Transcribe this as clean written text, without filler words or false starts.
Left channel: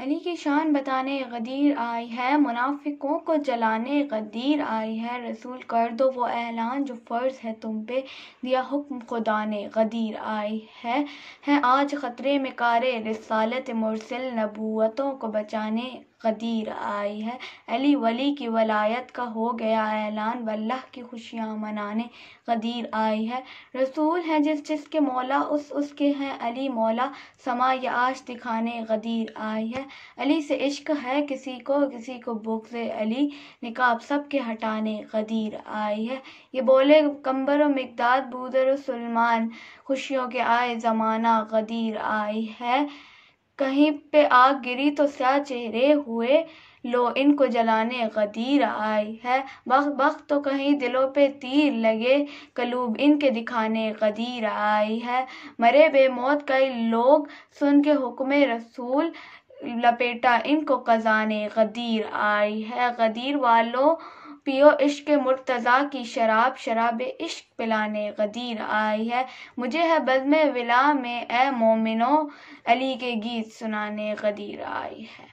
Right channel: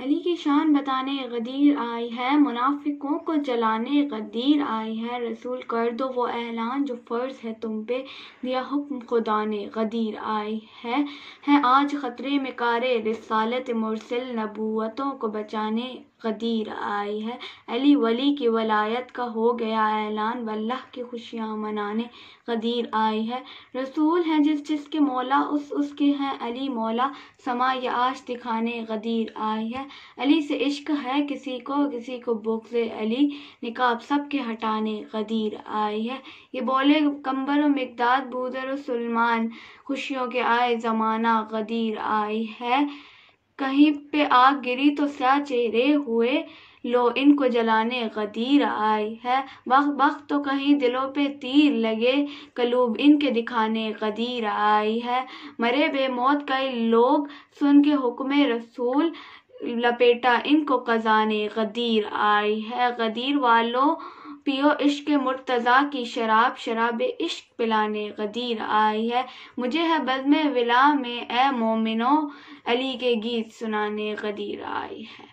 علی کی شان بتانے غدیر آئی ہے، منافقوں کو جلانے غدیر آئی ہے، رسول کر دو وہ اعلان جو فرض ہے تم پہ، دیا حکم خدا نے غدیر آئی ہے آج خطرے میں کار رسالت مرسل، نبوتوں کو بچانے غدیر آئی ہے، علی ولی کی ولایت کا ہو گیا اعلان، واللہ کی خوشیاں منانے غدیر آئی ہے، رسول ہے جس کے مولا اس کے ہیں علی مولا، سما یہ آج دکھانے غدیر آئی ہے، علی سے عشق ہے کسی کو بغض علی، نقاب سب کے ہٹانے غدیر آئی ہے، یہ بولے قمبر و مقداد بودر و سلمان، خوشیوں کے آئے زمانہ غدیر آئی ہے، کہیں پہ آگ گری تو سیاہ چہرے ہوئے، لو ان کو جلانے غدیر آئی ہے، بخت تو کہیں دلوں پہ تیر لگے، قلوب ان کے دکھانے غدیر آئی ہے، مرے بے موت کئی لوگ سن کے حکم رسول، لپیٹا ان کو قضانے غدیر آئی ہے، غدیر والو پیو عشق مرتضیٰ کی شراب، شراب عشق پلانے غدیر آئی ہے، مجھے ہے بزم ولا میں اے مومنو، علی کے گیت سنانے غدیر آئی ہے۔